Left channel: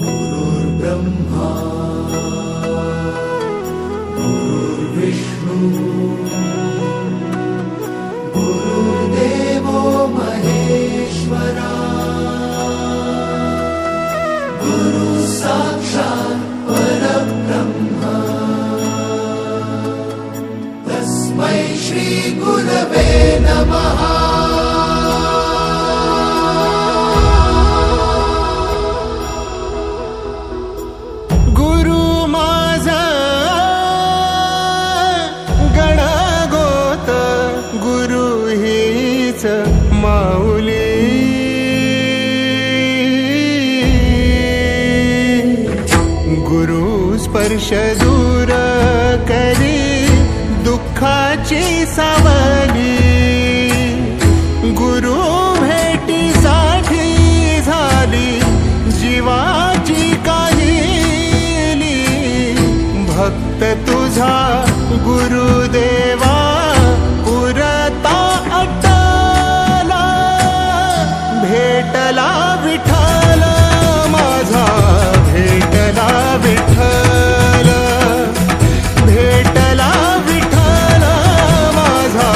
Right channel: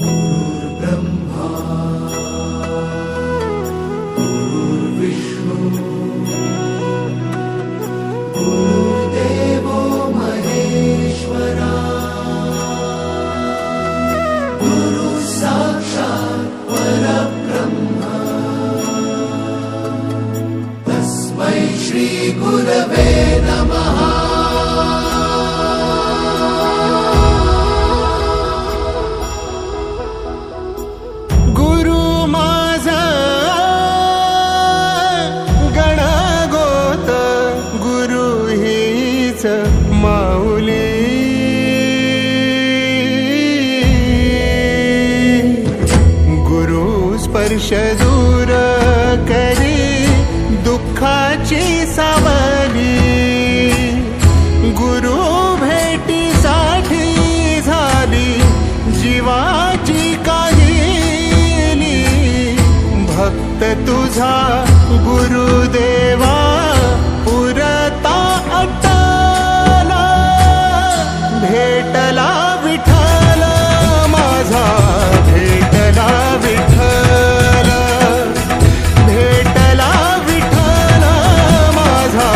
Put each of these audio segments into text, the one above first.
गुरुर्ब्रह्मा गुरुर्विष्णु गुरुर्देवो महेश्वरा गुरु साक्षात् परब्रह्म तस्मै श्री गुरवे नमः। गुरु माझा गणगोत गुरु हीच माऊली गुरु स्पर्श दूर करी दुःखाची सावली गुरु भेटीसाठी झाली जीवाची काहिली भक्त तुझा गुरुदेवा पुरता अट्टला भेटला विठ्ठल माझा भेटला विठ्ठल भेटला विठ्ठल माझा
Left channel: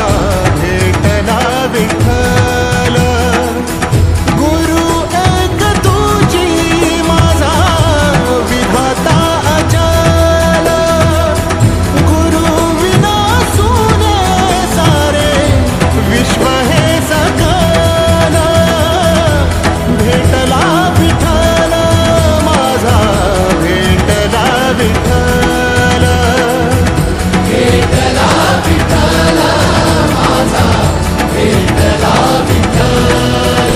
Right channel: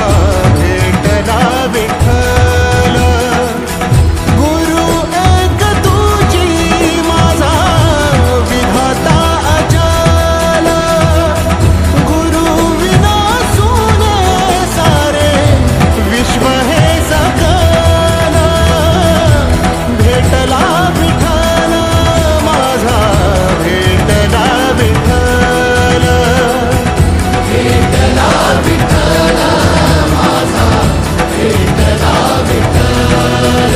भेटला विठ्ठल गुरु एक तुझी माझा विधाता अचल गुरु विना सुने सारे विश्व हे सकल भेटला विठ्ठल माझा भेटला विठ्ठल भेटला विठ्ठल माझा भेटला विठ्ठल।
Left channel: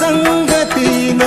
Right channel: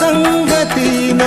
संगतीन